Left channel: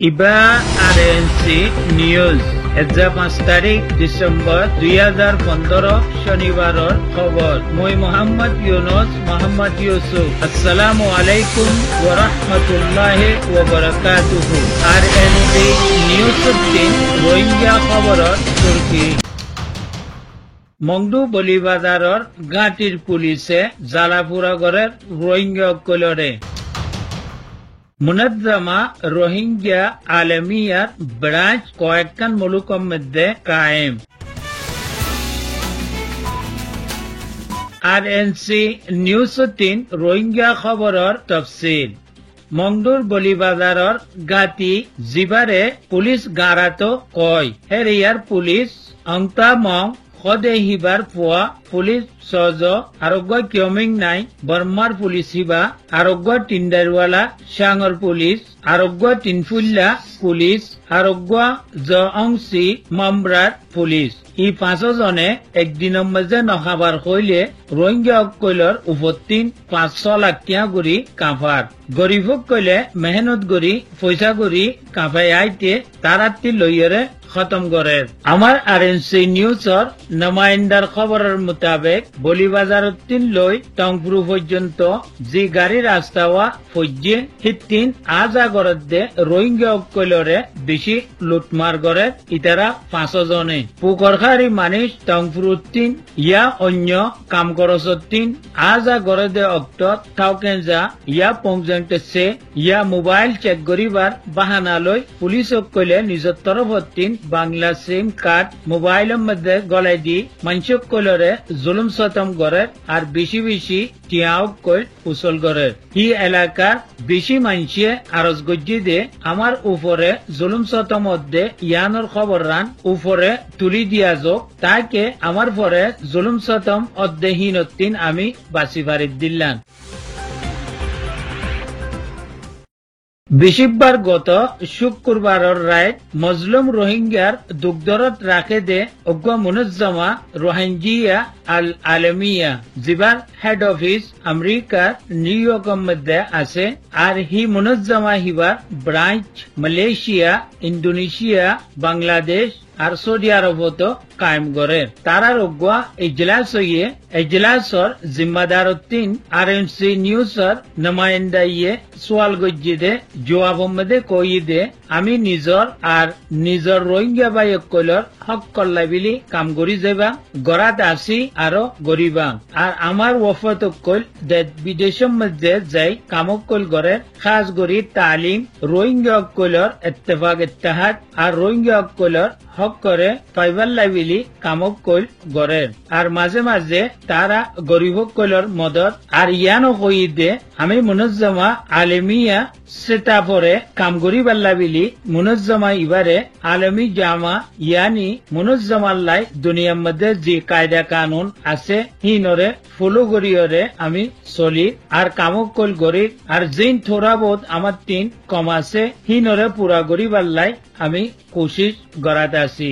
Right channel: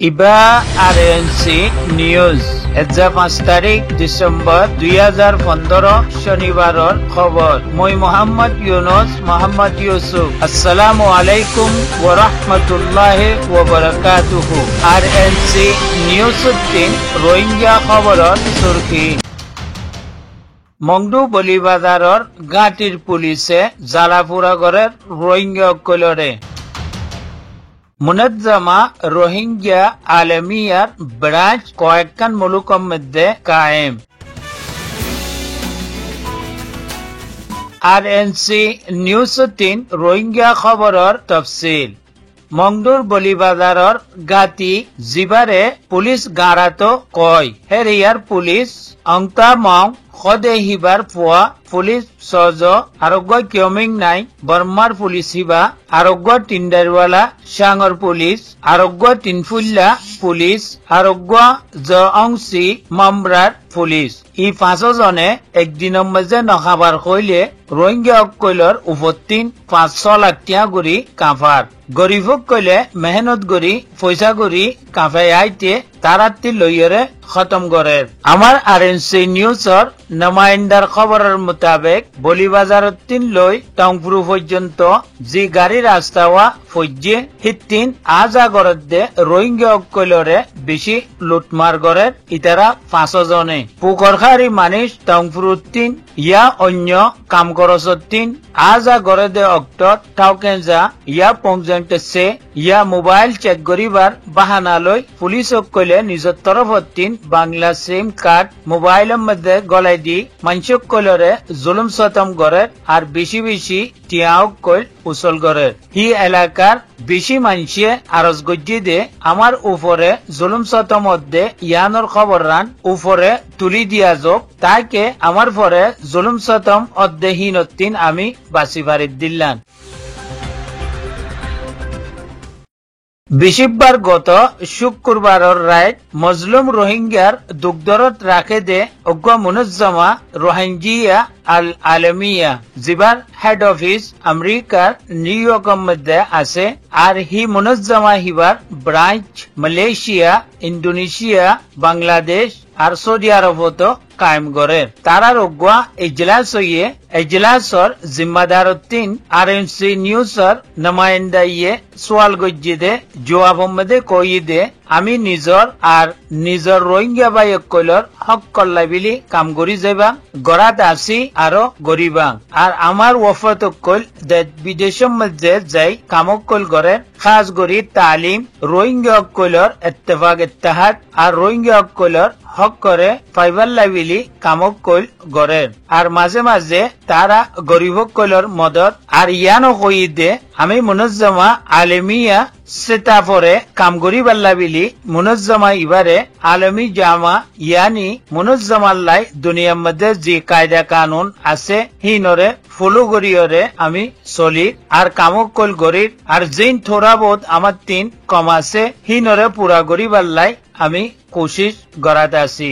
ইবা আৰএনসি নিউজ 5 তাৰিখ ডিসেম্বৰ 2015 শনিবাৰৰ খবৰ মই মোহাম্মদ ইউনুস মোহাম্মদ ইউসুফ আসসালামু আলাইকুম ওয়া ৰাহমাতুল্লাহি ওয়া বাৰাকাতুহু। আৰএনসি নিউজ ৰোহিঙ্গা খবৰৰ সুৰকি মংডু বলিবাজাৰৰ গাঁটিৰ পুলিচে জালাপুৰা কৰে ৰোহিঙ্গা কলৰে মুনাজ্জামা রোহিঙ্গা আলমিয়ার ব্রাঞ্চ কয়েকখান মুলুকের মধ্যে কায়েম। আরএনসি নিউজ 3 রোহিঙ্গা খবরের তফসিল মংডুর বলিবাজারের গাতি জিবারে পুলিশ গারাতো কয় হেরিয়ার পুলিশ অংতা মং খদে হিবার পুয়া পুলিশ সজ আরোগ্য কিয়মিং নাই বর্মার পুলিশ হিবা আরোগ্য টিন্ডারওয়ালা সাঙর পুলিশ আরোগ্য টিনফুল্লা পুলিশ আরোগ্য জংসি মামরার পুলিশ ই 5 জনে একদিনের মধ্যে নখাবার হইলে রোহিঙ্গা কইলর উপতিন 500 লাখ টিয়া গুড়ি কাফার গরিবক কইলে মেহনত গড়ি পয়সা গড়ি কাফাই আইতে তারাত্তি লইয়রে খতম করে। আমার আরএনসি নিউজর নমাইন্দার খবরের মোতাবেক বলিবাজার 3 লই টংপুরু পর্যন্ত যে গাড়ি রাস্তা হওয়া ফজ্জে হিতিন আজা গরদে রোহিঙ্গা কইলরে বেশি লুটমার করে ইতারা 5 জনে পুকরখারি মানুষ টংপুরু 3 ইয়া অন্য কাম করছ 3 আজা গরদে অক্ট টাউকেনজা ইয়া পংজন্টেছে ইয়া মোবাইল চেক করিবার বাহানা লই পুলিশক কইলে নিজের তরফ 3 বাংলা সিম কার্ড মোবাইলের মধ্যে গলাই দি মানুষক কইলরে জুলুম সতম করে আর বেশি বেশি টিয়াও কইল উসল করে। হি এলাকার বেশি মানুষে আরজ গজ্জি দে আমার উপরে জুলুম সতম মধ্যে ইয়ানোর খবর রান উপরে তুলি দিয়া যোগ তাকে আমার পরে জুলুম সতম অধ্যহীনতিন আমি বাসি ফারিদ দিল্লান। বিশিববার গত শুক্রবারের রাত মজলুম রোহিঙ্গার দুগ্ধরত রাখে দে অজ্ঞ মুনজ্জামা রোহিঙ্গিয়া আল আলমিয়া জিবার হেড অফিস আমেরিকার নিউ ইয়র্কের মধ্যে আছে আর হি মুনজ্জামা হিবার ব্রাঞ্চ মালয়েশিয়া ইন্দোনেশিয়া বাংলাদেশ আর সৌদি আরবত কায়েম করে। তারার অজ্ঞা এজলাস হইয়ে এজলাসর জিম্মাদার 3 আরএনসি নিউজর নমাইন্দা ইয়ে সোয়াল গজ্জি দে জবাব মধ্যে কই দে আমি নিজর আর নিজর রোহিঙ্গা বাইক কইলর হক কল্লাই বিলি কাম করি যাবা গড়াত আসি আরো গরিবা আর আমার ওয়ফত কইল বিদেশের মধ্যে যাই কামক কইল করে খাস গরি তালিম রোহিঙ্গা কইলর ইত্তেফাক ইত্তেহাদ আর রোহিঙ্গা কইলর হক করে ফাইবার লাইবিলি কামক কইল গড়ে আর মাঝে মাঝে তারা গরিব কইলর মদত আর ইয়ানো কই দে আমি মুনজ্জামা আলমিয়া সেতাফরে কাম করি বাল্লা বিলি মুনজ্জামা ইবারে আলমী জামা ইয়ানি মুনজ্জামাল্লাই দুনিয়ার মধ্যে যে কায়দা কানুন আছে হিনরে ফলো করিয়রে আমি চলি আর কামক কইল গরিব আর যেন থোড়া বহুত আমার 3 কম আছে হিনরে পুরা করি বাল্লাই আমি কোশিশ গড়াত আছি।